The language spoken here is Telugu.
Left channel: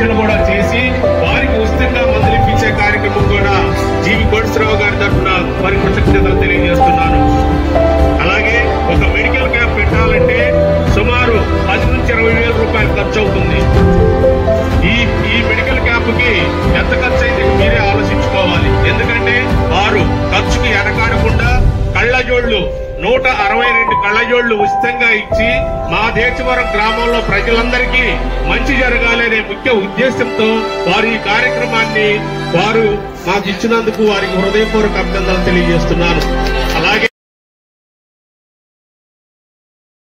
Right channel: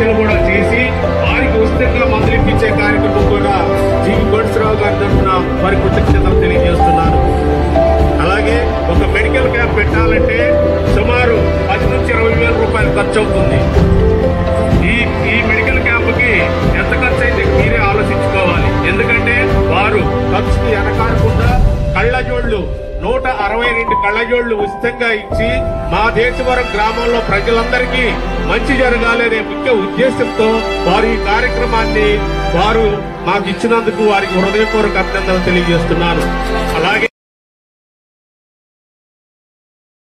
పరీక్షలు కూడా చేసి వారికి ఉచితంగా మందులు ఇప్పించే కార్యక్రమం కూడా జీవి కోటేశ్వరరావు గారి తరఫున వారి కృతజ్ఞతలు తెలియజేస్తున్నాను. అలాగే ఒక మెడికల్ క్యాంప్ పెట్టాలంటే సుమారు 10 నుంచి 20,000 రూపాయలు ఖర్చు అవుతుంది. ఈ మెడికల్ క్యాంప్ కి ఎంత ఖర్చు అయితే మీరే ఆలోచించుకోవాలి. ఎందుకంటే వారు ఖర్చుకి ఎడకాడకుండా కళ్ళజోళ్లు 162 కళ్ళజోళ్లు ఉచితంగా ఇచ్చి మా దేశవరం గ్రామంలో ప్రజలందరికీ మంచి జరగాలనే ముఖ్య ఉద్దేశంతో వారు ఈ కార్యక్రమాన్ని వారు మాకు ఇచ్చినందుకు వారికి హృదయపూర్వక అభినందనలు తెలియజేస్తున్నాను.